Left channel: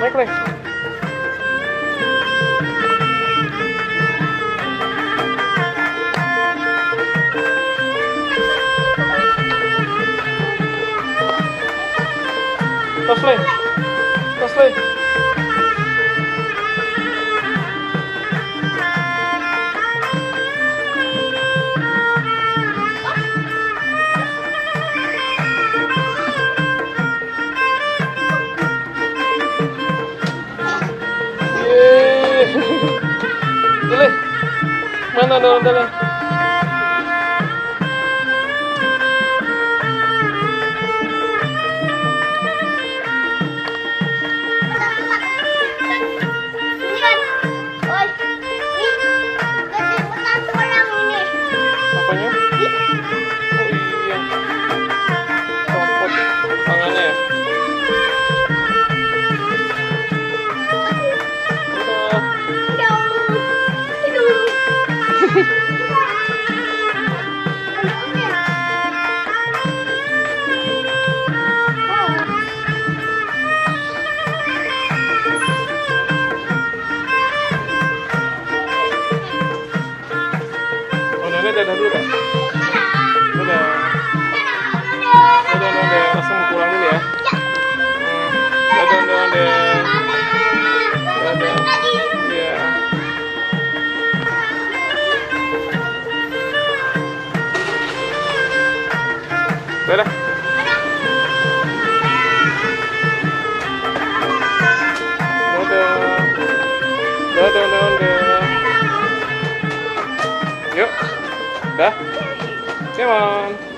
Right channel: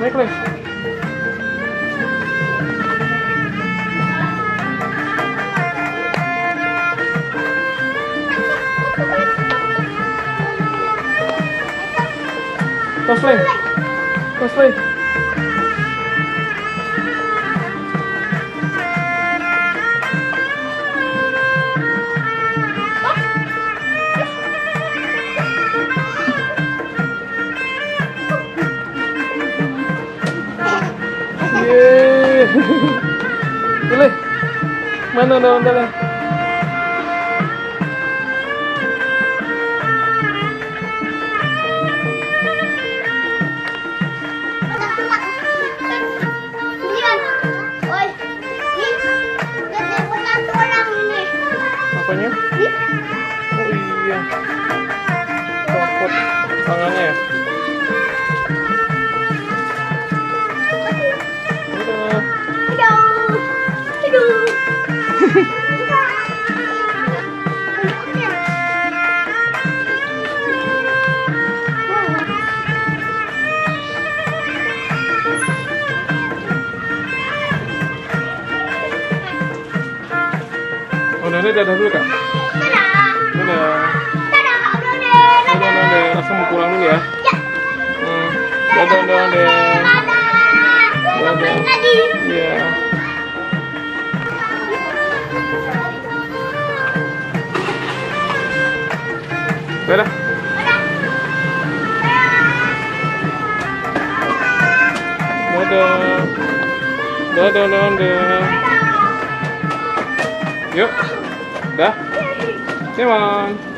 Naik, Le. Tos, Le. Tos, Le. Dile, mana ondel-ondelnya? Apanya? Oh iya, copot tangannya ya. Oh, Nenek dadah dulu, Kak. Dadah. Dadah. Langsung pulang dulu ya. Dadah. Dadah. Iya. Dadah. Dadah. Yuk. Dah. Come on.